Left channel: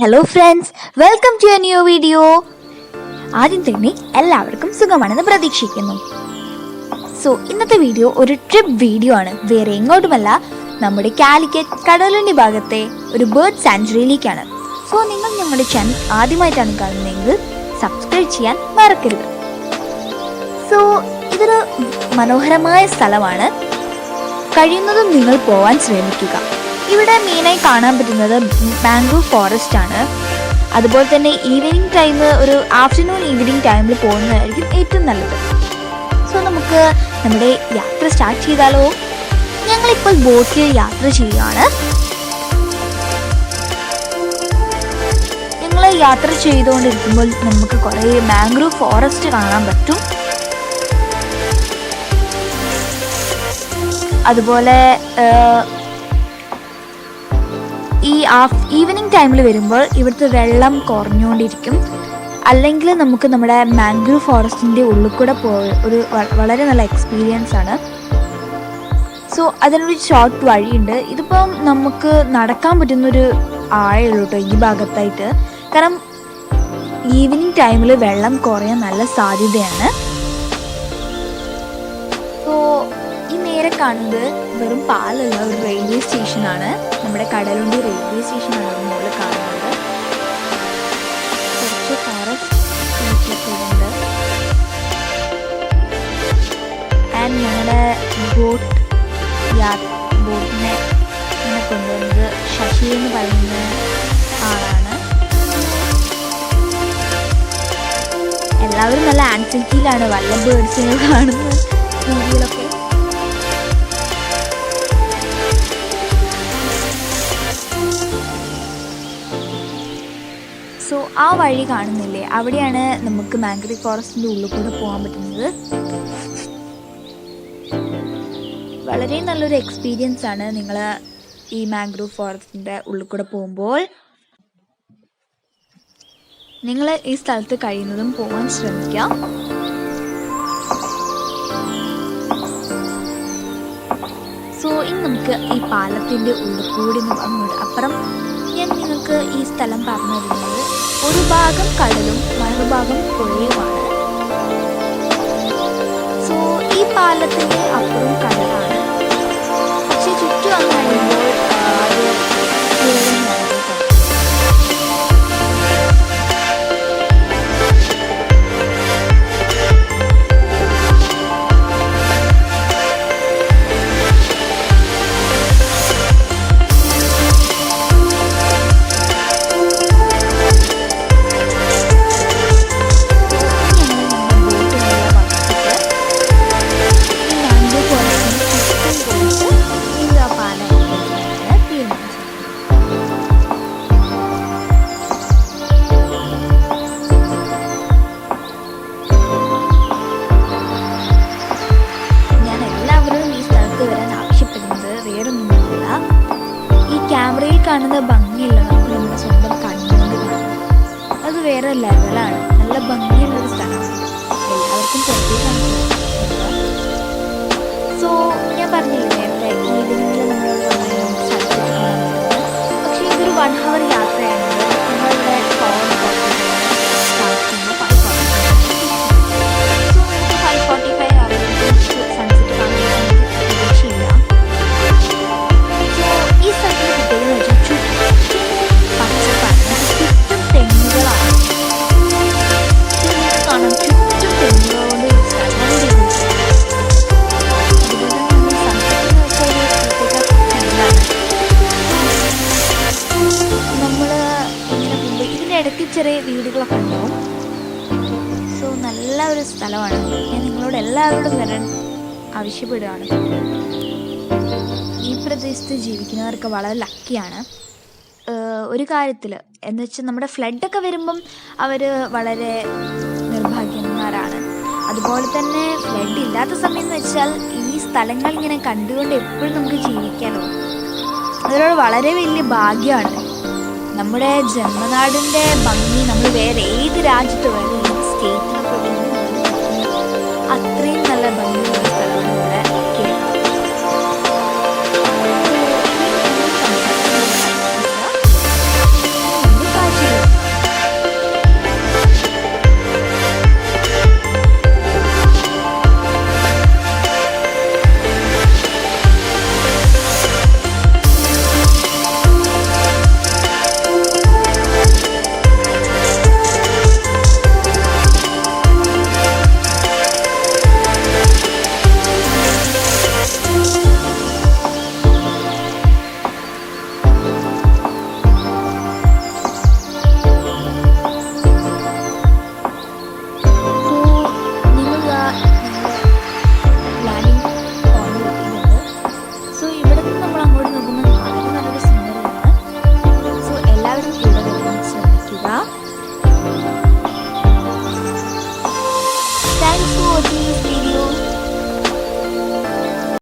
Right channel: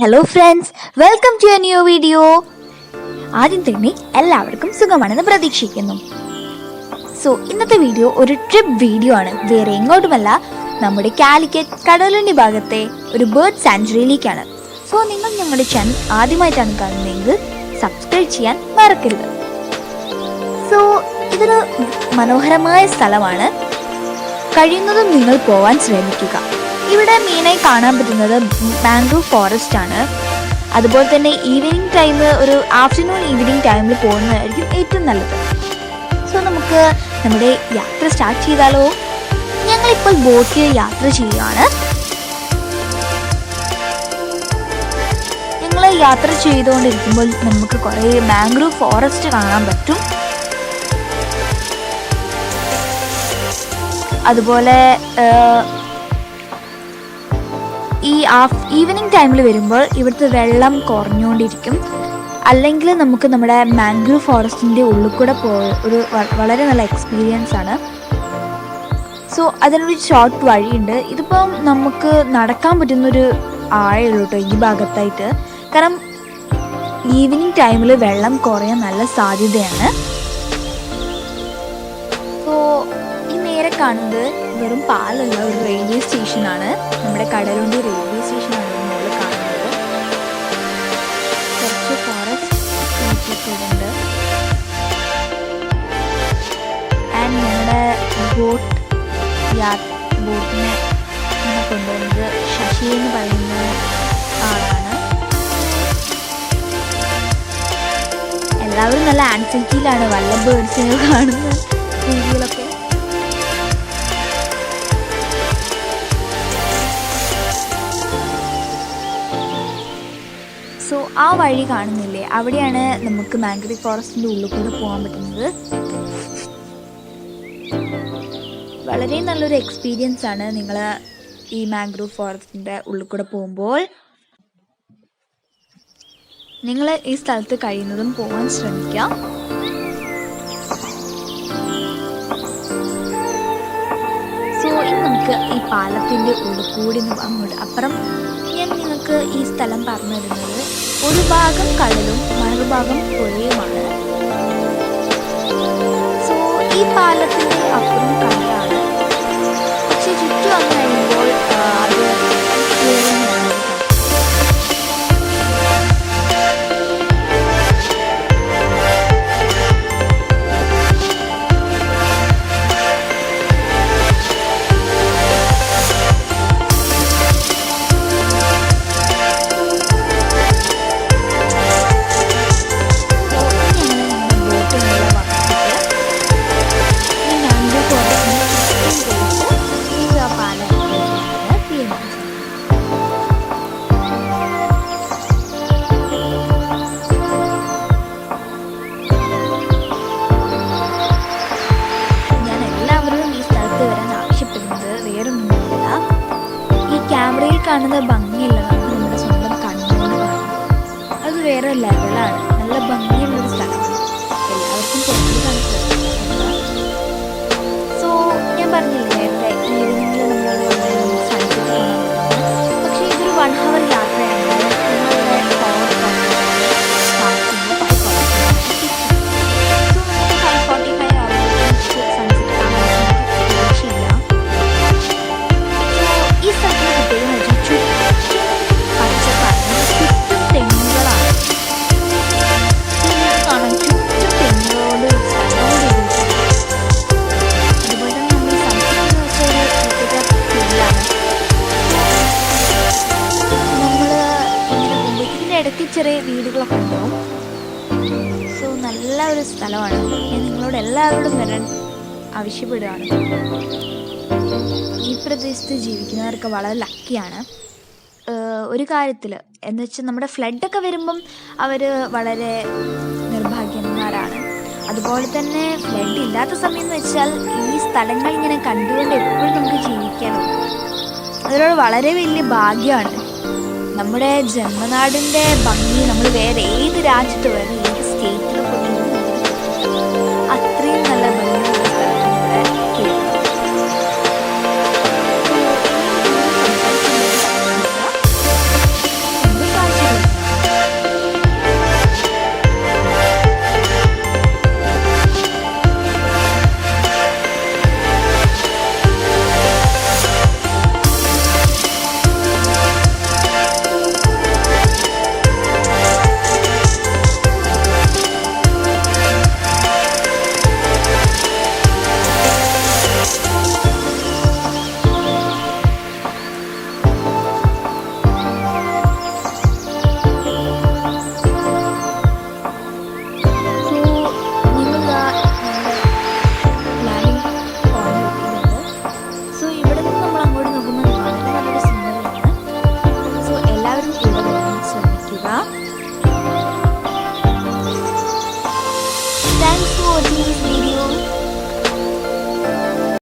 Hello friends, welcome to a new video. ആദ്യം തന്നെ എല്ലാവർക്കും സുഖമാണെന്ന് പ്രതീക്ഷിക്കുന്നു. സോ ഇന്നത്തെ വീഡിയോ ഒരു ട്രിപ്പ് വീഡിയോ ആണ്. വേറെ എങ്ങോട്ടുമല്ല, നമ്മുടെ കാലിക്കറ്റ് കടലുണ്ടി ഭാഗത്തെ ഒരു ബേർഡ് സാങ്ച്വറിയിലേക്കാണ്. സോ നിങ്ങൾ ഞങ്ങളുടെ ചാനൽ ആദ്യമായിട്ടാണ് കാണുന്നതെങ്കിൽ സബ്സ്ക്രൈബ് ചെയ്യാൻ മറക്കരുത്. സോ ഇതൊരു മനോഹരമായ സ്ഥലമാണ്. കഴിയുന്നതും നിങ്ങൾ പോവാൻ ശ്രമിക്കുക. ഇവിടെ മെയിനായി കാണാൻ പറ്റുന്നത് മാംഗ്രോ ഫോറസ്റ്റ് ആണ്. അതുപോലെ തന്നെ ഈവനിങ് ടൈം, ഒരു ആഫ്റ്റർനൂൺ ഈവനിങ് ടൈമിൽ പോകുന്നതായിരിക്കും ഏറ്റവും നല്ലത്. സോ നമുക്ക് നമ്മുടെ യാത്ര സ്റ്റാർട്ട് ചെയ്താലോ? ഞങ്ങളിപ്പോൾ ബോട്ടിൽ യാത്ര ചെയ്യുകയാണ്. ഞങ്ങൾ യാത്ര ചെയ്തുകൊണ്ടിരിക്കുമ്പോൾ നമുക്ക് കുറേ മാംഗ്രോ ഫോറസ്റ്റ് കാണാൻ പറ്റും. അതുപോലെ ഈ ഈവനിങ് ടൈമിൽ വരുമ്പോൾ ഇവിടുത്തെ വെള്ളം കുറഞ്ഞുകൊണ്ടിരിക്കും. അല്ലെങ്കിൽ നമുക്ക് നമ്മുടെ മാംഗ്രോ ഫോറസ്റ്റിൻ്റെ ഉള്ളിൽ കൂടെ ഒരു വളരെ നല്ല എക്സ്പീരിയൻസ് ആണ്. സോ അതിനൊരു ഷോർട്ട് വഴിയുണ്ട്. ഇതിപ്പം നമുക്ക് നടക്കാൻ പറ്റുന്നൊരു ആഴയുള്ളൂ കേട്ടോ ഈ ഭാഗത്തായിട്ട്. കാരണം ഈവനിങ് ടൈമിൽ വെള്ളം കുറയാൻ നല്ല സാധ്യതയാണ്. സോ ഈ നേരെ കാണുന്നത് വെറും പാലല്ല, ഒരു റെയിൽവേ സ്റ്റേഷനാണ്. നമ്മുടെ കടലുണ്ടി റെയിൽവേ സ്റ്റേഷനാണ് മുകളിൽ കാണുന്നത്. കുറച്ച് ഫോറസ്റ്റ് ഉണ്ട്. ആൻഡ് ഞങ്ങളുടെ ബോട്ടിനെ ഇങ്ങനെ കൊണ്ടുവന്നത് ശശി എന്ന് പറയുന്ന ആളാണ്. എല്ലാവരും നല്ല ആൻസൈറ്റിയിലാണ് വല്ല ബേർഡ്സിനെ കാണുന്ന രീതിയിലൊക്കെ. സോ ആ വഴി കാണുന്നില്ലേ, അവിടെയാണ് നമുക്ക് മാംഗ്രോ ഫോറസ്റ്റിൻ്റെ ഉള്ളിൽ കൂടെ പോകാൻ പറ്റുന്നത്. വളരെ നല്ലൊരു എക്സ്പീരിയൻസ് ആണ് നിങ്ങൾ ഈ മാംഗ്രോ ഫോറസ്റ്റിൻ്റെ ഉള്ളിൽ കൂടെ പോകുമ്പോൾ. നിങ്ങൾ ഈ സ്ഥലത്ത് കഴിയുന്നതും പോകാൻ ശ്രമിക്കാം. സോ ഇനി നമുക്ക് ഈ പാലത്തിൻ്റെ ഉള്ളിൽ കൂടി അങ്ങോട്ട് അപ്പുറം ഞാൻ നിങ്ങൾക്ക് ഈ സ്ഥലം പറഞ്ഞു തരുന്നത്, ഒരു ഭാഗം കടലും മറുഭാഗം പുഴയുമാണ്. സോ ഈ പാലത്തിൻ്റെ അപ്പുറം കടലാണ്. പക്ഷെ ചുറ്റും വന്നു കഴിയുമ്പോൾ അത് പുഴ തന്നെയാണ് കേട്ടോ. വേറൊന്നുമില്ല, ഈ ക്യാമറയിൽ കാണുന്ന ഭംഗിയില്ല, നമുക്ക് നമ്മുടെ സ്വന്തം കണ്ണുകൊണ്ട് കാണും. അത് വേറെ ലെവലാണ്. നല്ല ഭംഗിയുള്ളൊരു സ്ഥലമാണ്. എല്ലാവർക്കും പുറത്തേക്ക് കാണിക്കുക. സോ ഞാൻ പറഞ്ഞില്ലേ നേരത്തെ, ഈവനിങ്ങിൽ നമ്മൾ വന്നാൽ നമുക്ക് സൺസെറ്റ് കാണാൻ പറ്റുന്നത്. പക്ഷേ ഇതൊരു 1 hour യാത്രയാണത്. ഞങ്ങളിവിടെ 4:45 സ്റ്റാർട്ട് ചെയ്യുമ്പോൾ 5:45. സോ നമുക്ക് 5:45 ആവുമ്പോഴത്തേക്ക് സൺസെറ്റ് കാണാൻ പറ്റുന്ന പ്രതീക്ഷയില്ല. ഈ സ്ഥലത്തിന് പ്രത്യേകത എന്ന് വെച്ചാൽ ചുറ്റും പച്ചപ്പാണ്, ചുറ്റും തെങ്ങുകളാണ്. നിങ്ങൾക്ക് കാണാം, ചുറ്റും തെങ്ങുകളോട് സ്ഥലം ചെയ്തിട്ടുണ്ട്. അതുപോലെ തന്നെ നമ്മൾ സൺസെറ്റ് എന്ന് വെച്ചാൽ ഒരു പ്രത്യേക ഫീലാണ്. നമ്മൾ ഇങ്ങനെ പോകുമ്പോൾ ഇതിൻ്റെ ഇടയ്ക്ക് ചെറിയ വീടുകളൊക്കെ ഉണ്ടാവും. സോ നല്ല ഒരു സ്ഥലമാണ്. ഞാൻ നിങ്ങളോട് എല്ലാവരോടും വരാൻ ആവശ്യപ്പെടുകയാണ്. ഈ പ്രദേശത്ത് ജീവിക്കുന്നവർക്ക് വളരെ ലക്കിയാണ് ഒരു കാര്യത്തിൽ. എന്ന് വെച്ചാൽ നമ്മുടെ ഫ്ലഡൊക്കെ വരുമ്പം അവർ വളരെ നിർഭാഗ്യന്മാരാണ്. അതുപോലെ തന്നെ ഫ്ലഡ് ഇല്ലാത്ത സമയം എന്ന് വെച്ചാൽ ഈ സ്ഥലങ്ങൾ ഇങ്ങനെ കണ്ടുകൊണ്ട് എപ്പോഴും നമുക്ക് ജീവിക്കാനോ, അതിനോട് വളരെ വലിയ ഭാഗ്യമാണ്. നമ്മുടെ ജന്മനാടിൻ്റെ ഭംഗി നമ്മൾ വേറെ ഏത് രാജ്യത്ത്, വേറെ ഏത് സ്റ്റേറ്റിൽ പോയി അത്രയും നല്ല ഭംഗിയുള്ള സ്ഥലമാണ് നമ്മുടെ കേരളം. അങ്ങോട്ട് നോക്കുമ്പോൾ വളരെ നല്ലൊരു സീനറിയാണ്. സോ എല്ലാവരും ഇവിടെ വരാൻ ശ്രമിക്കുക. Thanks for watching.